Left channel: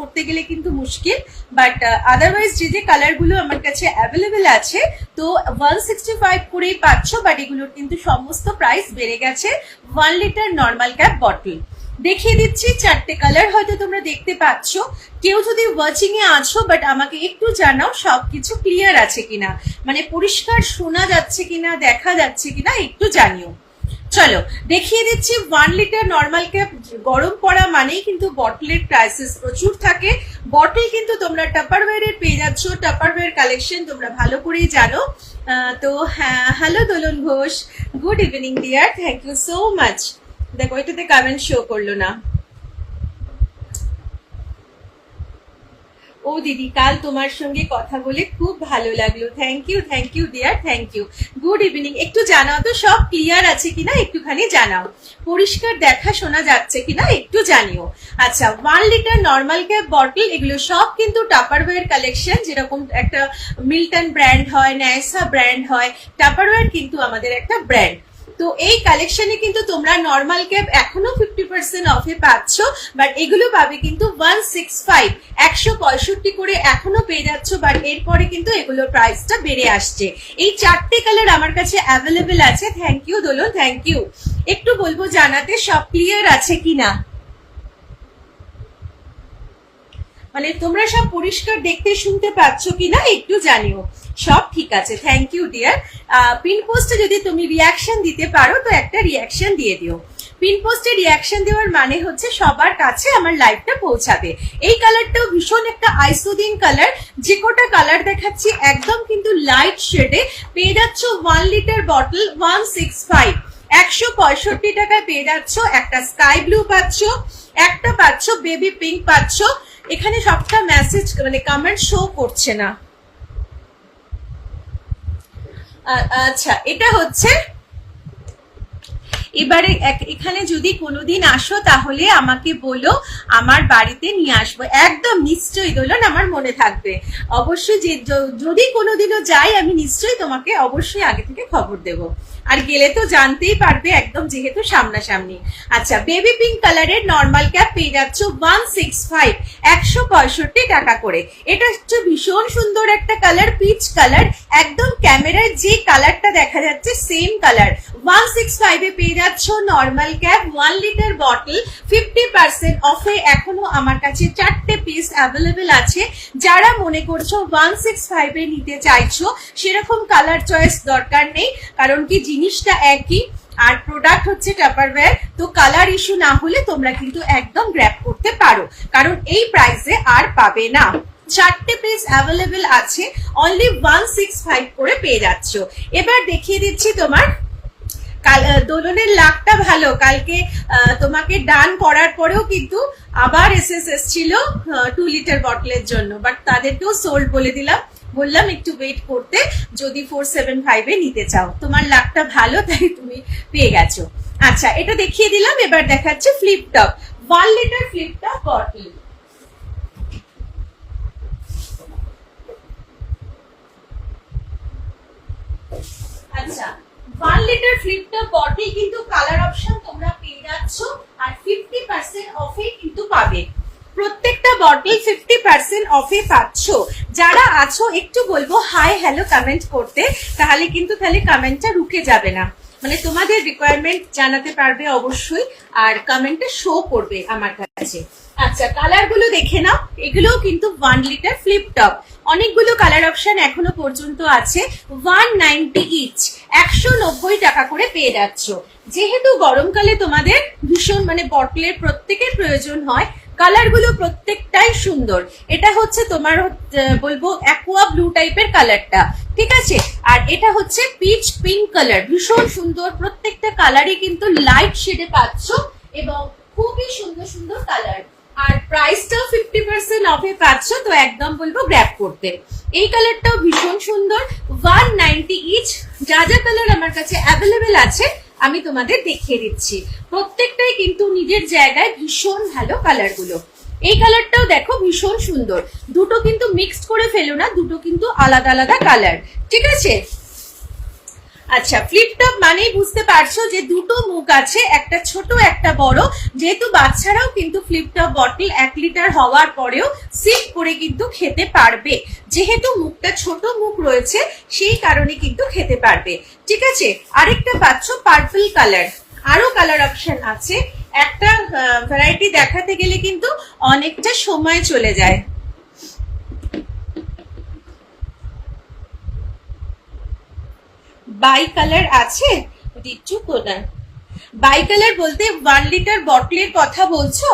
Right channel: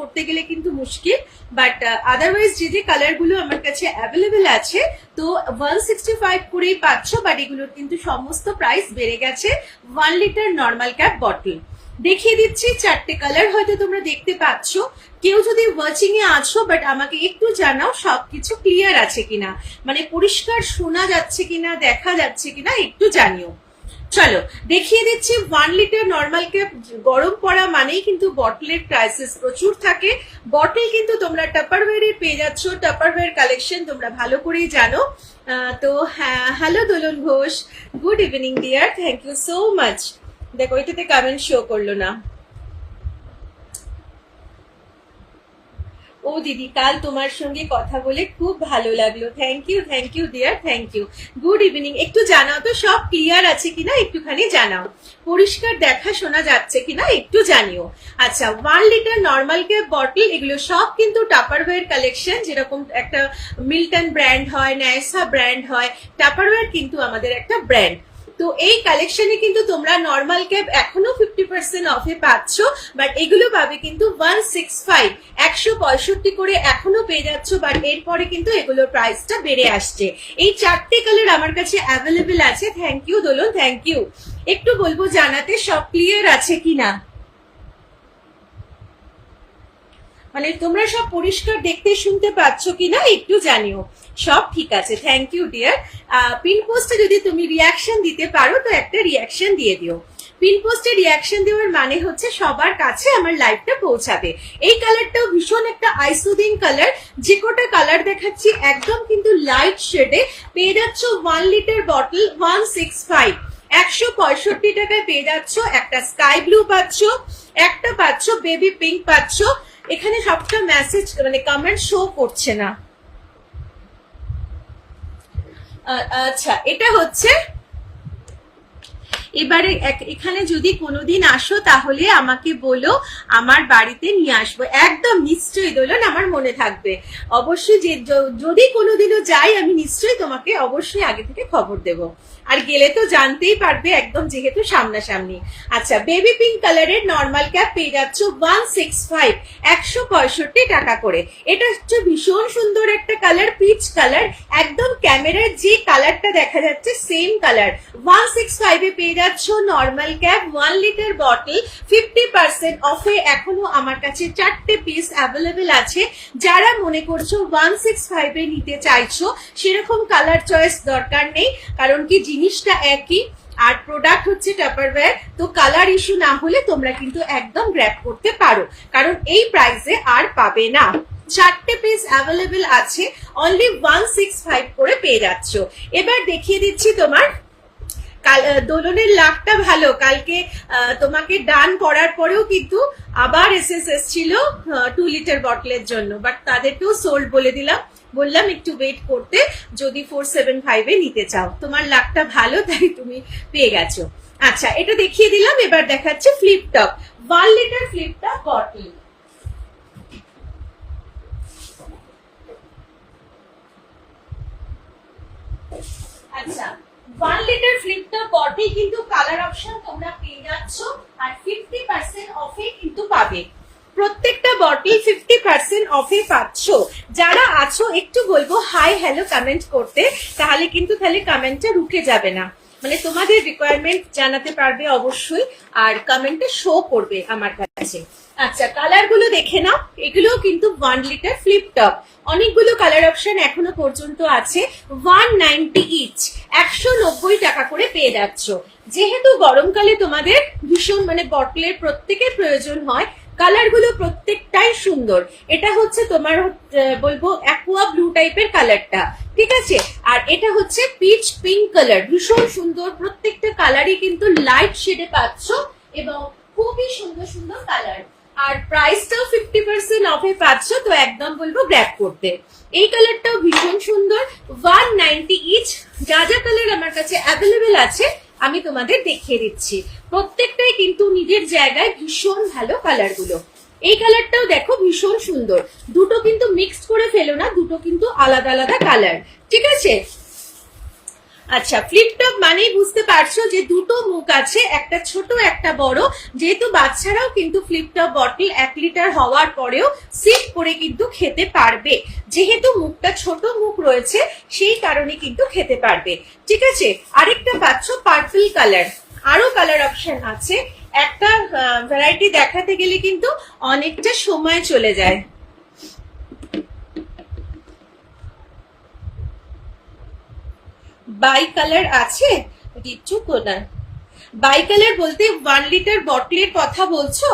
করতে গেলে কিন্তু মুশকিল, বাট আদারওয়াইজ যে কালারগুলো আমার কাছে অ্যাভেলেবেল আছে তো 165 করেই পাচ্ছ, বাট এগুলোর কিন্তু সমস্ত প্রাইস বেড়ে গেছে। 1 লিটার নর্মাল ক্যাপ বটল দেখিয়ে দিচ্ছি, 4টে কালার হয়তো তোমরা দেখতে পাচ্ছ। কেউ যদি ওয়াচিং এ আছো বাট আমাকে একটু জানাও সবকিছু ক্লিয়ার আছে কিনা, মানে পরিষ্কার শোনা যাচ্ছে কিনা, দেখা যাচ্ছে কিনা একটু জানিও। চলো দেখিয়ে দিচ্ছি 1 লিটার নর্মাল ক্যাপ। গরম পড়া মানেই কিন্তু বটলের ক্রাইসিস প্রচুর থাকে। বটল কিন্তু তোমরা টাপারওয়্যারের পেয়ে যাচ্ছ, টাপারওয়্যার কালেকশন তোমরা ভালো করেই জানো। তো হ্যাঁ, hello Dolon Ghosh, good evening dear, thank you so much. দেখো এটাতে কমেন্ট শো করলো না। ও দিদি, কাল তোমার সঙ্গে কথা বলে খুব ভালো লাগলো, thank you dear, thank you. Good evening, একটু জানাও তো সব ক্লিয়ার আছে কিনা, একটুখানি জানাও, পরিষ্কার দেখা শোনা যাচ্ছে কিনা একটু জানিও। আচ্ছা, 1 লিটার নর্মাল ক্যাপ বটল এগুলো সব কিন্তু টাপারওয়্যার কালেকশন। যেরকম একটা মিল্টন ব্র্যান্ড হয়, ন্যাসা ব্র্যান্ড হয়, টাপারওয়্যার কিন্তু আমাদের একটা ব্র্যান্ড। তো এই কালেকশনে কিন্তু তোমরা নর্মাল ক্যাপ এখনো 50% অফে পাচ্ছ, বাট এগুলো পাবে কিন্তু 165 165 করে এখনো পেয়ে যাচ্ছ, বাট এরপরে কিন্তু এগুলোর প্রাইসটা বেড়ে আসছে। এই 4টে কালার আমার কাছে অ্যাভেলেবেল আছে। Thank you Dolon, thank you. একটু বলবো জানাতে সব ক্লিয়ার আছে কিনা, মানে তোমরা সব পরিষ্কার দেখতে শুনতে পাচ্ছ কিনা একটু জানিও। সব ঠিক আছে, থ্যাংক ইউ ডিয়ার। পিন পোস্টে যদি তুমি রিয়াকশন দিতে পারো তো একটা রিয়াকশন দিয়ে দিও। পিন পোস্টে রিয়াকশন দেওয়ার মানে হচ্ছে সবার কাছে আমার লাইভটা পৌঁছাবে। এই কালারটাও ভীষণ একটা আইসোদিং কালার। যে কটা কালার দেখাচ্ছি একদম কিন্তু লাইট শেডে পেয়ে যাচ্ছ। 1 লিটার বটল 165 165 টাকায় পেয়ে যাচ্ছ। একটা স্কাই ব্লু পাচ্ছ, একটা পাচ্ছ বেবি পিঙ্ক পাচ্ছ। এখানে সবটা মেসেজ মানে কমেন্ট শো করছে না। আচ্ছা, এটা হচ্ছে এবারে এখানে যদি কোনোদিন আসো তাহলে আমাকে বলো, আমার বাড়িতে নিয়ে আসবো। একদম নিশ্চয়ই দোলন, আমার মনে থাকবে অবশ্যই। যে যদি কোনোদিনও যাই আমি নিশ্চয়ই তোমাকে অবশ্যই আগে থেকে খবর দেবো। আর গেলে তো জানতেই পারবে একদম, যেহেতু সামনাসামনি। আচ্ছা, বেবি পিঙ্ক কালারের নর্মাল ক্যাপ পেয়ে যাচ্ছ 165 165 টাকা করে। এটা হচ্ছে ভীষণ সুন্দর একটা কালার, পিচ কালার, একদম ক্যামেরায় যে কালারটা দেখা যাচ্ছে সেম কালার। 165 এ পেয়ে যাচ্ছ নর্মাল ক্যাপ 1 লিটার বটল 50% অফে। এখনো আমার কাছে 4টে পিস অ্যাভেলেবেল আছে। যারা মনে করছো 165 এ নিতে চাইছো, সেরকম কালার চয়েস দরকার নেই, কারণ কি জিনিসটা একই আর প্রোডাক্ট হচ্ছে টাপারওয়্যার। তো কালার ইস্যু না হলে তোমরা কিন্তু একদম গ্র্যাব করতে পারো, কারণ এই প্রাইসে আর পাবে না। 4টে পিস অ্যাভেলেবেল আছে, অনলি 165 করে পেয়ে যাচ্ছ। এবার দেখিয়ে দিচ্ছি তোমার দোলনের লাকটা ভালো। কালকে তোমাকে ডান করার পরেও কিন্তু আবার এসএস ছিল 2 লিটার বটলের জন্য, বাট তাদেরকেও সোল্ড বলে দিলাম, বললাম একটু ওয়েট করতে যদি 475 এ নিতে চাও। তোমার লাকটা ভালো, তাই তুমি পেয়ে গেছো। আচ্ছা, এটা দেখিয়ে দিলাম। এবার দেখাচ্ছে flip top 1 litre flip top bottle. আচ্ছা, 1 লিটার ফ্লিপ টপ বটল কিন্তু কালার অপশন তোমরা পেয়ে যাচ্ছ, আর 50% অফে কিন্তু পাবে। প্রত্যেকটা বটল 50% অফে পাচ্ছ। যারা আছো একটু বলবো হাই হ্যালো কমেন্ট করতে, তাহলে কিন্তু কমেন্টটা রুকে যাবে না, মানে তোমাদের রিকোয়ারমেন্ট জানাতে পারবে অবশ্যই, আর কমেন্টে শো করবে আমার কাছে। আচ্ছা, কালার গুলো দেখে নাও। এগুলোও কিন্তু 1 লিটার ফ্লিপ টপ। অনেকগুলো কালার অপশন এখনো পর্যন্ত আছে। 190 ইচ 190 টাকা করে পেয়ে যাচ্ছ। যেহেতু গরমকালে তোমাদের ভীষণ মানে বটলের প্রত্যেকের প্রয়োজন হয়, কালার গুলো প্রত্যেকটাই সুন্দর। এটা হচ্ছে তোমার বলবো অ্যাকোয়া ব্লু টাইপের কালারটা, ঠিক আছে। আর এটা হচ্ছে পিচ পিঙ্ক কালার, ভীষণ সুন্দর। প্রত্যেকটা কালারই কিন্তু লাইট শেডে পাচ্ছ এবং খুবই সুন্দর সুন্দর কালার। আর প্রাইসটাও 50% অফে পাচ্ছ, তো একদম বলবো গ্র্যাব করতে। এই কালারটাও ভীষণ সুন্দর, 190 ইচ। যা যা কালার আমার কাছে অ্যাভেলেবেল আছে আমি তোমাদের দেখিয়ে দিচ্ছি। প্রত্যেকটাই কিন্তু নিজের জায়গায় ভীষণ ভালো কালার গুলো। এই কালারটাও দেখো ভীষণ সুন্দর। দুটো কিন্তু মিক্সড করে ফেলো না, দুটো কিন্তু আলাদা আলাদা কালার, ঠিক আছে। আচ্ছা, ফ্লিপ টপ মানেই বুঝতে পারছো যে দুটো মুখ আছে, একটা ছোট একটা বড়। যেহেতু বাচ্চারাও কিন্তু ফ্লিপ টপ বটল 1 লিটার হওয়ার পরেও সিপ করে কিন্তু খেতে পারবে, যেহেতু মুখটা ছোট মুখ রয়েছে সেই কারণে কিন্তু খেতে পারবে। ঠিক আছে, আরেকটা পাচ্ছ পার্পল কালার, আরো কালার অপশন আছে। একটা ভ্যারাইটি দেখাতে গেলে কিন্তু অনেকটা সময় চলে যায়। বাই কালার আছে, দিচ্ছু কোনার বাই কালার বলতে 1 লিটার বটলের কথা বলছো?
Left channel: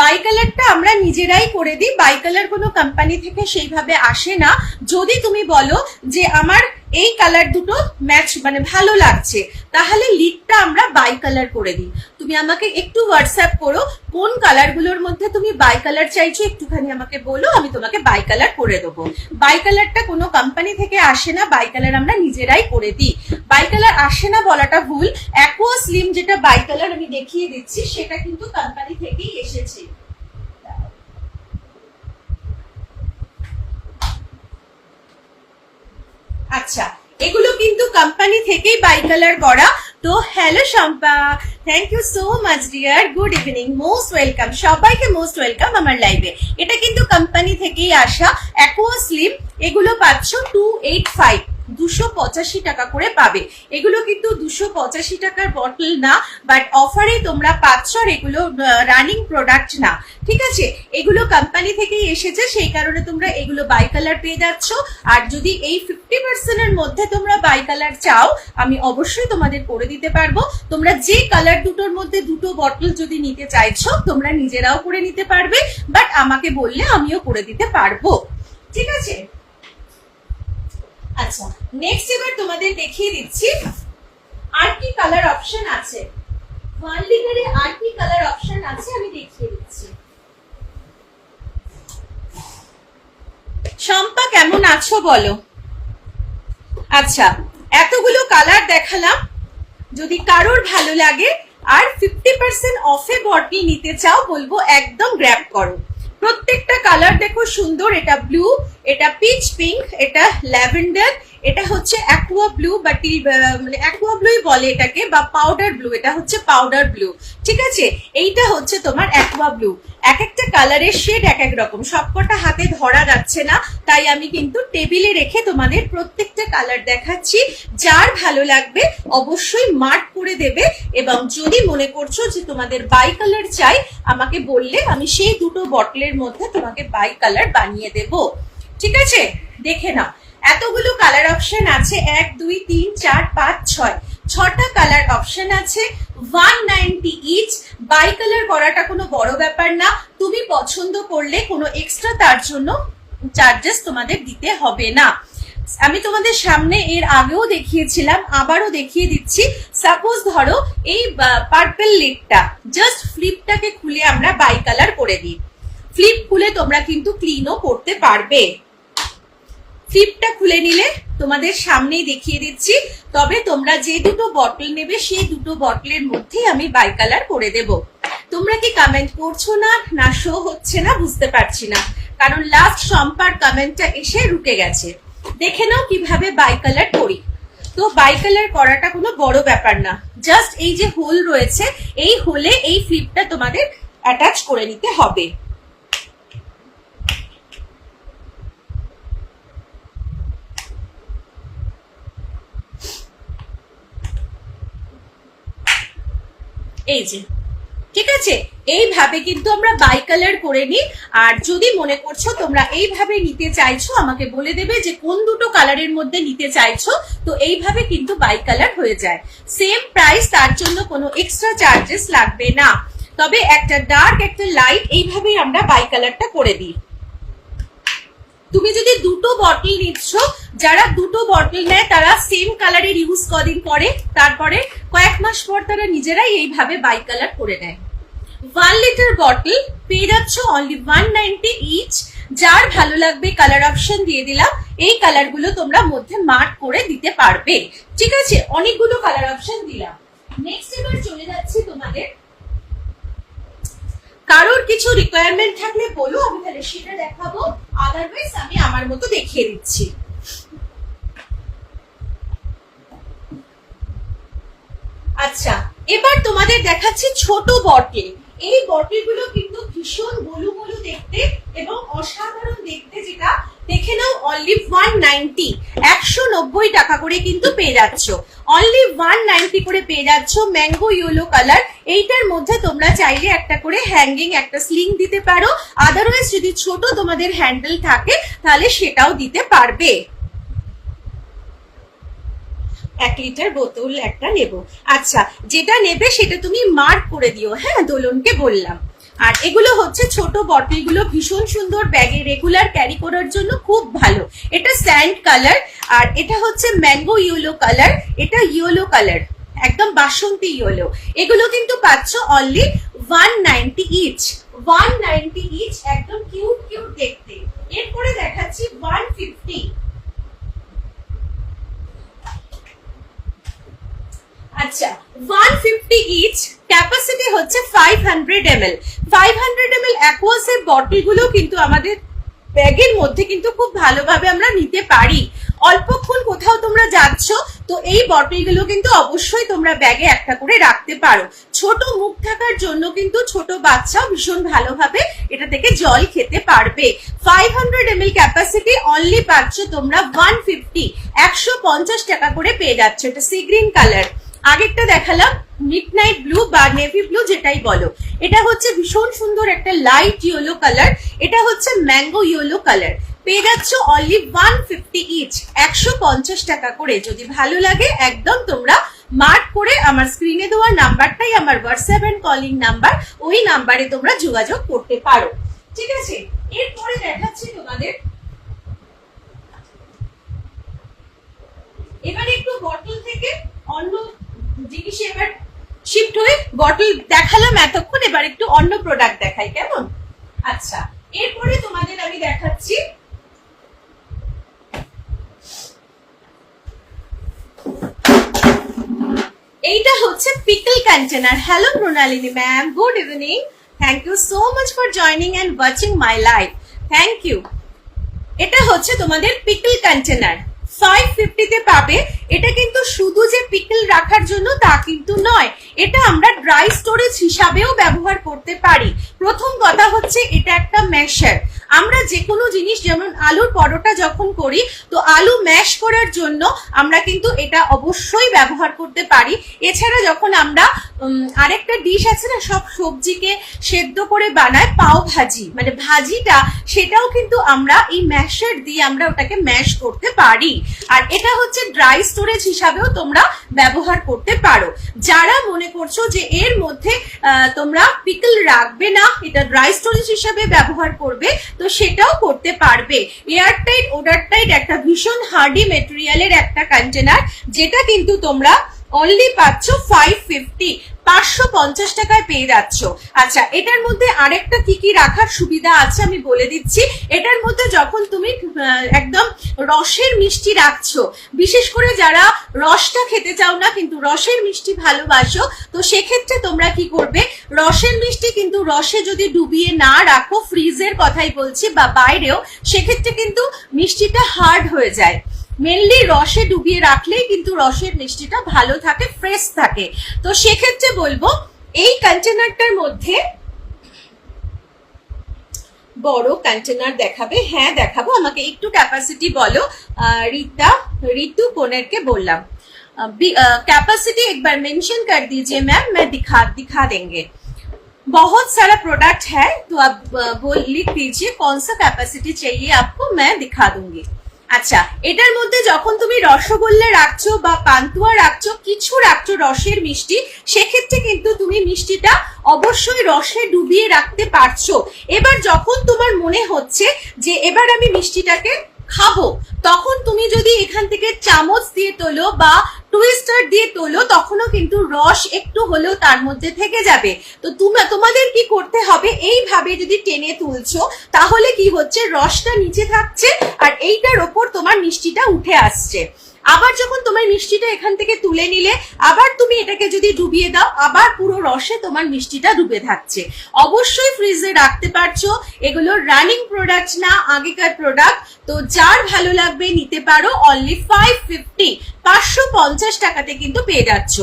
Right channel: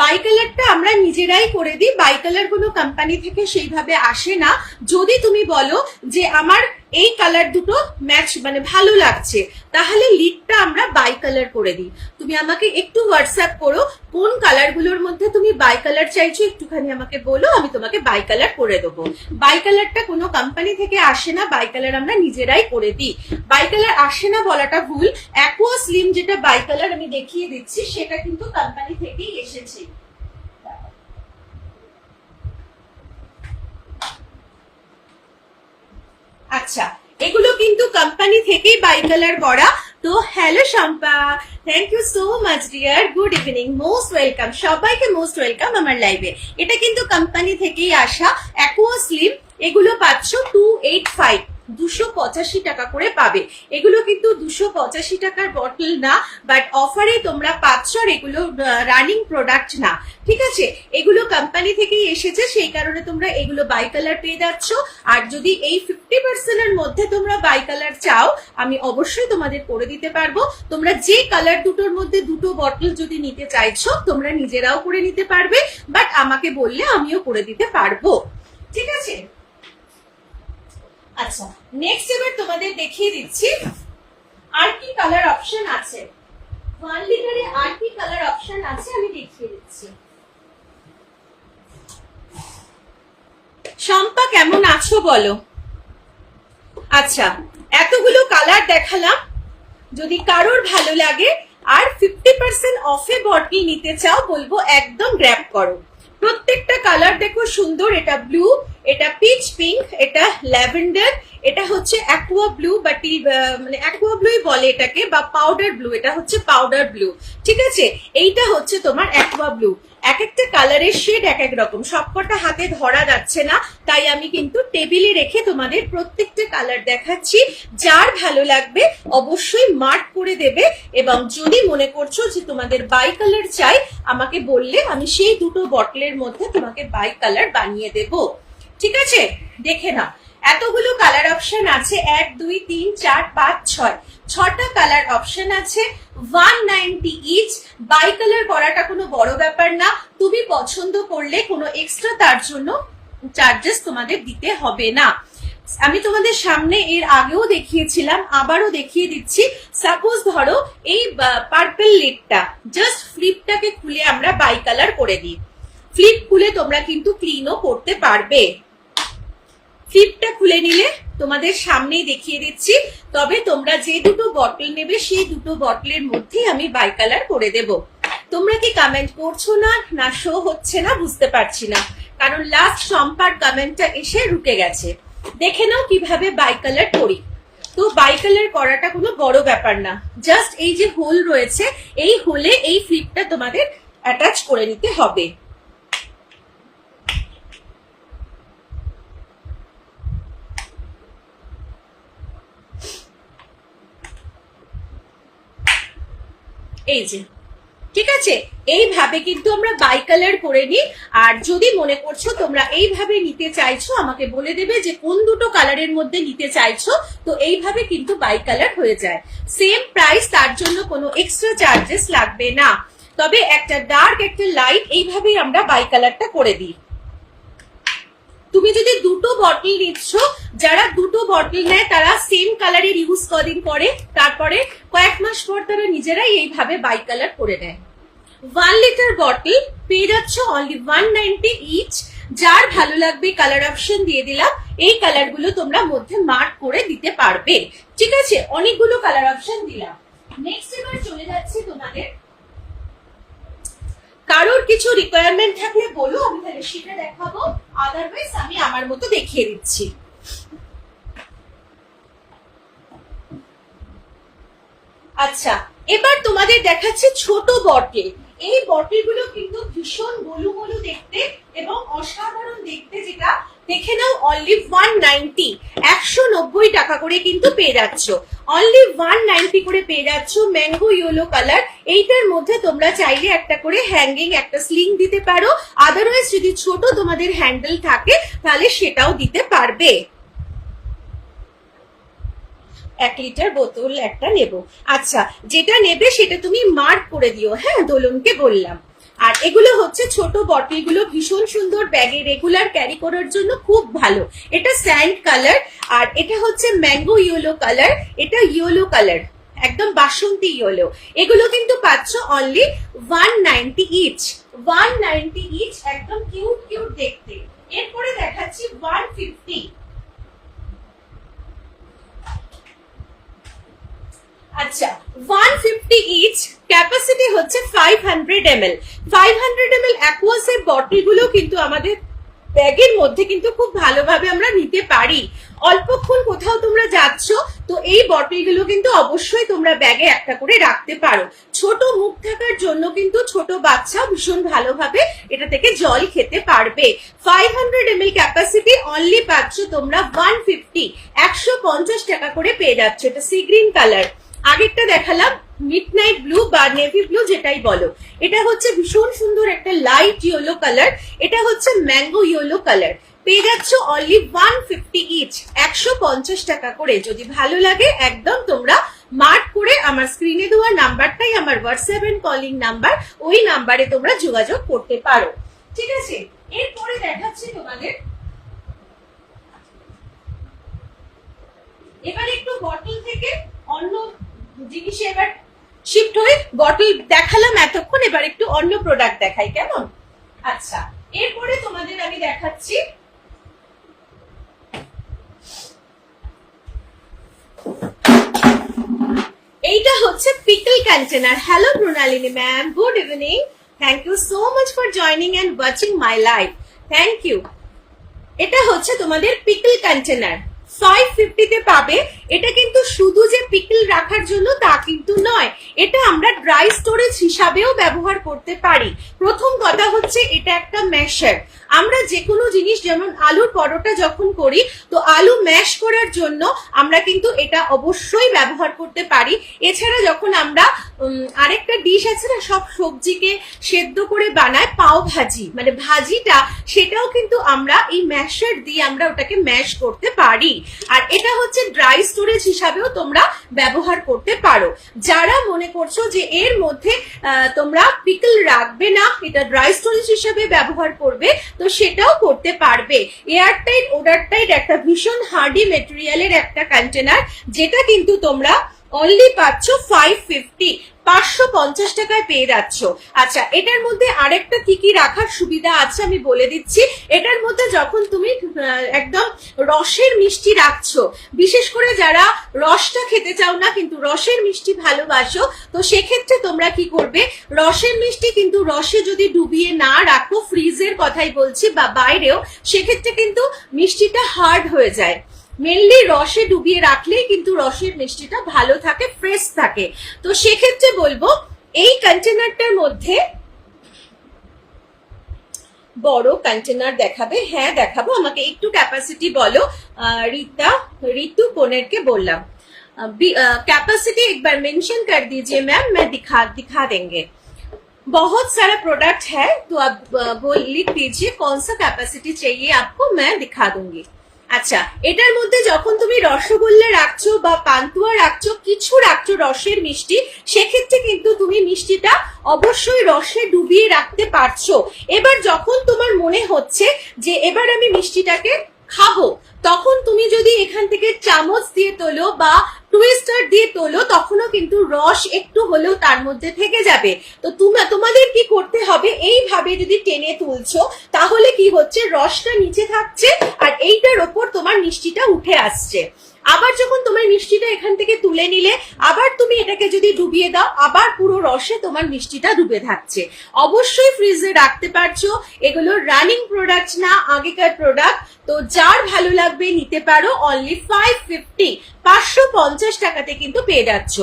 বাই কালারটা আমরা নিজেরাই করে দিই, বাই কালার কোনো কোম্পানি থেকে সেইভাবে আসে না। যদি তুমি বলো যে আমার এই কালার দুটো ম্যাচ মানে ভালো লাগছে, তাহলে লিডটা আমরা বাই কালার করে দিই। তুমি আমাকে একটু হোয়াটসঅ্যাপ করো কোন কালারগুলোর মধ্যে তুমি বাই কালার চাইছো, একটুখানি আমাকে বলো, আমি তোমাকে বাই কালার করে দেবো। বাই কালারটা কোনো কোম্পানি থেকে আসে না, বাই কালার আমরা নিজেরাই করে দিই। বাই কালার আসে না বলাটা ভুল, অ্যাকোয়া স্লিম যেটা বাই কালার আমি দেখিয়ে দিচ্ছি সেটা কিন্তু কোম্পানি থেকেই এসেছে। আচ্ছা, এগুলো কিন্তু কোম্পানি থেকেই বাই কালার করা। তো hello Shampa, thank you so much dear, good evening, most welcome, সবাইকে মোস্ট ওয়েলকাম আমার লাইভে। এটা কিন্তু কোম্পানি থেকেই আসা অ্যাকোয়া স্লিম, এগুলো পাচ্ছ 285, 285 টাকা করে পাবে। এগুলো কিন্তু 285 টাকার বটল না, বাট অফারে তোমরা পাচ্ছ, আর এগুলো রানিং প্রোডাক্ট না। ঠিক আছে, এগুলো কোম্পানি থেকেই এসেছে, সেই কারণে তোমরা এগুলো বাই কালার পেয়ে যাচ্ছ। আর যদি এই 50% এর মধ্যে তোমরা বাই কালার চাও, আমি অবশ্যই তোমাদের করে দিতে পারবো। তোমরা যে কালার দুটোর মধ্যে দুটো বটল যদি নিতে চাইছো, তোমরা নিজেরাও করে নিতে পারবে, বাট আমাকে বললে আমিও করে দিতে পারবো। ঠিক আছে, আচ্ছা নেক্সট এবার তোমাদের দেখিয়ে দিচ্ছি আর কি কালার অপশন আছে। 1 লিটারে আর কি কালার অপশন আছে আমি দেখিয়ে দিচ্ছি। শম্পা কেমন আছো বলো? আচ্ছা, এতগুলো কালার দেখালাম, যদি কারোর ভালো লাগে আর 50% অফে বটল নিতে চাও, বলবো একদম গ্র্যাব করো। প্রত্যেকটা কালার দেখো সুন্দর, এটা ব্লু, এটা পিচ পিঙ্ক, এটা ল্যাভেন্ডার, এটা হচ্ছে অ্যাকোয়া ব্লু বা মানে অ্যাকোয়া ব্লুই বলে এটাকে, বা পাউডার ব্লু, এটা হচ্ছে পাউডার ব্লু। ঠিক আছে, এইটা হচ্ছে তোমার অ্যাকোয়া ব্লু। এক একটা কালারের শেড এক এক রকম, সবকটা হাতে ধরা যাচ্ছে না, তাই আমি কিন্তু টেবিলে রেখে তোমাদের প্রত্যেকটা কালার দেখাচ্ছি। যার ভালো লাগবে অবশ্যই মার্ক করে দেবে, এবং যদি মনে করছো যে তোমাদের বাই কালার চাই, আমাকে বললে আমি সেই দুটো বটলের মধ্যে তোমাকে বাই কালার বানিয়ে দেব। ঠিক আছে, দেখে নাও এতগুলো কালার অপশন আছে, 1 2 3 4 5 6, 6টা কালার অপশন আছে, 190 ইচ। বাই কালার করাটা কোনো বড় ব্যাপার না, তুমি পছন্দ করলে কোনো এক্সট্রা তার জন্য চার্জেস তোমাদের দিতে হবে না। আমি তোমাদের সামনে এর আগেও দেখিয়েছিলাম, আবারও দেখিয়ে দিচ্ছি। সাপোজ ধরো এই পার্পল লিডটা, জাস্ট ফ্লিপটাকে খুলে আমরা বাই কালার করে দিই। ফ্লিপ খুলে তোমরা কিন্তু ক্লিনও করতে পারবে। ফ্লিপটা খুলে নিলে তোমাদের সামনেই দেখিয়ে দিচ্ছি, তবে তোমরা যে দুটো বটল নেবে সেই দুটো বটলের মধ্যেই আমি বাই কালার করে দেব। তোমরা কি কমেন্ট করছো না, না শো হচ্ছে না বুঝতে পারছি না, কারণ লাস্ট শম্পার কমেন্টটা এসে রুকে গেছে। দেখে নাও কিভাবে বাই কালার করি। তো বাই কালার করাটা কোনো বড় ব্যাপার না, জাস্ট এই যে হোল রয়েছে, এই হোলে এই ফ্লিপটা তোমাদের অ্যাটাচ করে নিতে হবে। এই যে, ঠিক আছে, এইভাবে কিন্তু আমরা বাই কালার করে নিই। আর যদি মনে করছো তোমরা এইভাবে নিতে চাইছো, আমাকে বলে দেবে যে কোন দুটো কালারের মধ্যে নিতে চাইছো, তো এইভাবে কিন্তু বাই কালার হয়ে যায়। সেম প্রাইস, তার জন্য কোনো এক্সট্রা চার্জেস লাগবে না। তবে একটা ডার্ক একটা লাইট, এইভাবেই আমরা বাই কালারটা করে দিই। তুমি যদি দুটো বটল নিচ্ছ, যারা দুটো বটল নেয় তারা সেম কালারের ইউজ কদিন করে, তারপরে কয়েক মাস পর তারা নিজেরাই এইভাবে বাই কালার করে নেয়। 1 লিটার বটল পেয়ে যাচ্ছ অনলি 190 ইচ। যার ভালো লাগবে কালার অপশন দিয়ে দিলাম, এই কালারগুলো তোমরা মধ্যে মার্ক করে দিতে পারবে। ঠিক আছে, অনেকগুলো কালার অপশন দিলাম। নেক্সট এবার চলে যাচ্ছে তোমাদের, কারোর কিছু রিকোয়ারমেন্ট থাকলে বলো, আমি তাহলে সেটা দেখাবো, আদারওয়াইজ আমি আমার মতো দেখিয়ে দিচ্ছি। আচ্ছা, এবার তোমাদের দেখাচ্ছি ছোট বটল। এই বটলগুলো কিন্তু ভীষণ গোলু গোলু দেখতে এবং অসাধারণ দেখতে, যেটা দেখে নাও অনলি 190, 190 টাকা করে কিন্তু পেয়ে যাচ্ছ। অনলি 190 করে পেয়ে যাচ্ছ। Mango yellow colour. এইটার মধ্যে তোমরা চাইলে একটা করে হ্যাঙ্গিং, একটা স্লিং দিতে পারো। আদারওয়াইজ যদি ছোট তোমাদের হ্যান্ডেল থাকে তাহলে সেটাও দিতে পারবে। 1 লিটার বোতল একটা নেব। আচ্ছা, যেটা নেবে সেটা তুমি মার্ক করে দিও, হ্যাঁ, দোলনকে বললাম। আর এগুলো হচ্ছে ছোট বটলগুলো, ভীষণ সুন্দর, ব্যাগে রেগুলার ক্যারি করার জন্য খুব ভালো। এটা স্যান্ড কালার, আর এটা হচ্ছে ম্যাঙ্গো ইয়েলো কালার, এটা ইয়েলো কালার, একদম বাসন্তী ইয়েলো। এগুলো কিন্তু পাচ্ছ অনলি 190 ইচ, 190 ইচ, একদম কিউট কিউট দেখতে। এরপরে দেখাচ্ছি 150। আচ্ছা, 150 ইচ, ক্যাপাসিটি হচ্ছে 500 ml। 500 ml অ্যাকোয়াসের বটলগুলো কিন্তু আমাদের ব্যাগের মধ্যে কিন্তু খুব ভালোভাবে আমরা নিতে পারি। অল্পক্ষণ কোথাও তোমরা যাচ্ছ তো এই বটলগুলো কিন্তু অবশ্যই তোমরা ব্যাগে একটা করে রাখতে পারো। ছোট মুখ থাকার জন্য কিন্তু ছোট বাচ্চাও ভীষণ ভালোভাবে এটা থেকে জল খেতে পারবে। 500 ml ক্যাপাসিটি, অনলি পাচ্ছ তোমরা 150, 150 টাকা করে পেয়ে যাচ্ছ। এটা সি গ্রিন কালার। আগেরটা দেখালাম মিডনাইট ব্লু বা নেভি ব্লু, যেটাই বলো। এটা হচ্ছে ভীষণ সুন্দর একটা লাইট ইয়েলো কালার। এটা হচ্ছে ম্যাঙ্গো ইয়েলো কালার। পেয়ে যাচ্ছ অনলি 150 ইচ, 150 টাকা করে। যদি ভালো লাগে একদম তোমরা মার্ক করে আমার স্ক্রিনে দেওয়া নাম্বারটাই আমার হোয়াটসঅ্যাপ এন্ড কলিং নাম্বার, ওই নাম্বারে তোমরা যোগাযোগ করতে পারো। ঠিক আছে, এরপরে দেখাচ্ছি তোমাদের। এবার একটু বটল থেকে অন্য জিনিসে এবার শিফট হয়ে, বটল দেখালাম এতক্ষণ, এবার একটু অন্য প্রোডাক্ট দেখাই, কেমন? আচ্ছা, এরপরে তোমাদের আমি দেখাচ্ছি এইটা হচ্ছে pickle container. Hello Pranalini ma'am, good evening. Thank you so much for joining and watching my live. Thank you. এটা হচ্ছে তোমাদের পিকল কন্টেনার, 550 তে পাবে। এটা কিন্তু শুধু যে পিকল রাখার জন্য তা কিন্তু নয়, এটা আমরা ড্রাই স্টোরেজ হিসাবেও ব্যবহার করতে পারি। প্রথম কথা হচ্ছে এটা একটা ম্যাশার। আমরা যে কোনো জিনিস, যেমন আলুর পরোটা যখন করি তো আলু ম্যাশ করার জন্য আমরা কিন্তু এটা অবশ্যই ব্যবহার করতে পারি। এছাড়া যখন আমরা আরেকটা ডিশ আছে না, সব সবজিকে সেদ্ধ করে বানায় পাও ভাজি, মানে ভাজিটা, সেটাও কিন্তু আমরা এই ম্যাশার দিয়ে আমরা ওটাকে ম্যাশ করতে পারি। আর এটা হচ্ছে ড্রাই স্টোরেজ হিসাবেও তোমরা ব্যবহার করতে পারো। যারা মনে করছো যে এর মধ্যে তোমরা পিকল রাখবে না, এটা ড্রাই স্টোরেজ হিসাবে ব্যবহার করবে, তো সেটাও করতে পারবে। এয়ারটাইট ওয়াটারটাইট একটা ভীষণ হার্ডি মেটেরিয়ালের একটা কন্টেনার, যেটা কিন্তু তোমরা অনলি পাচ্ছ 550, 550 টাকায় পেয়ে যাচ্ছ। আচ্ছা, এটার মধ্যে আরেকটা কি কি রাখার সুবিধা আছে আমি বলে দিচ্ছি। এটার মধ্যে যখন তুমি একদম রসের মিষ্টি রাখছো, বিশেষ করে যারা রসটা খেতে চাও না কিন্তু রসের মিষ্টি ভালোবাসো, তো সেক্ষেত্রে তোমরা কি করবে, রসের মিষ্টি কিন্তু রসে যদি ডুবিয়ে না রাখো, ফ্রিজের কথাই বলছি বা বাইরেও, সেক্ষেত্রে কিন্তু মিষ্টিটা হার্ড হয়ে যায়। মেনলি রসে ডুবিয়ে রাখলেই কিন্তু রসের মিষ্টিটা ভালো থাকে, ফ্রেশ থাকে। তো সেক্ষেত্রে বলবো এই কন্টেনারটার মধ্যে বড় কন্টেনার দেখাবে? হ্যাঁ দেখাবো, আমাকে একটু ক্যাপাসিটি বলো। ऋतु कोनेर के बोललाम कैपेसिटी एक बार मेंशन कर दीजिए मैम, मैं दिखा देंगे। बहुत सारा प्रोडक्ट है तो आप बोल लिख दीजिए कौन सा कैपेसिटी चाहिए आपको, मैं दिखा दूंगी। আচ্ছা, এটার মধ্যে যখন তুমি রসগোল্লা রাখছো বা পান্তুয়া রাখছো, কিছু রাখছো রসের মিষ্টি, সেক্ষেত্রে কিন্তু তুমি মিষ্টিটা অবশ্যই রসে ডুবিয়ে রাখতে পারছো। এবার যখন তোমার মনে হচ্ছে যে এবার আমি মিষ্টিটাকে খাবো, তখন তুমি যদি এখান থেকে চামচ দিয়ে তোলো বা টুইস্টার দিয়ে তোলো, তখনও কিন্তু রস একটু হলেও তার মধ্যে থেকে যাবে। তো তোমাদের কি করতে হবে, এইভাবে যদি টেনে তুলছো তাহলে কি হচ্ছে, রসটা নিচে থাকছে আর এইটার ওপর তোমার মিষ্টিটা উঠে আসছে। আবার যখন তোমার মিষ্টিটা এখান থেকে তুলে নিলে, আবার তুমি এটাকে যদি ডুবিয়ে দাও, আবার পুরো রসে তোমার মিষ্টিটা ডুবে থাকছে। অবশ্যই ফ্রিজে রাখতে পারছো। এগুলো রানিং প্রোডাক্ট না, আগেকার প্রোডাক্ট। তো যার ভালো লাগবে নিতে পারো। অনলি 550, 550 টাকাতে কিন্তু পেয়ে যাচ্ছ।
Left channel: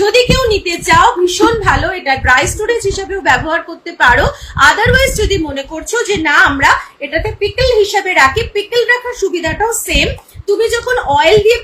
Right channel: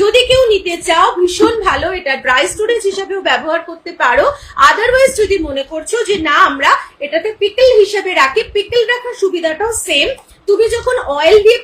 যদি কেউ নিতে চাও ভীষণ ভালো, এটা ড্রাই স্টোরেজ হিসাবেও ব্যবহার করতে পারো। আদারওয়াইজ যদি মনে করছো যে না আমরা এটাতে পিকল হিসাবে রাখি, পিকল রাখার সুবিধাটাও সেম। তুমি যখন অয়েল দিয়ে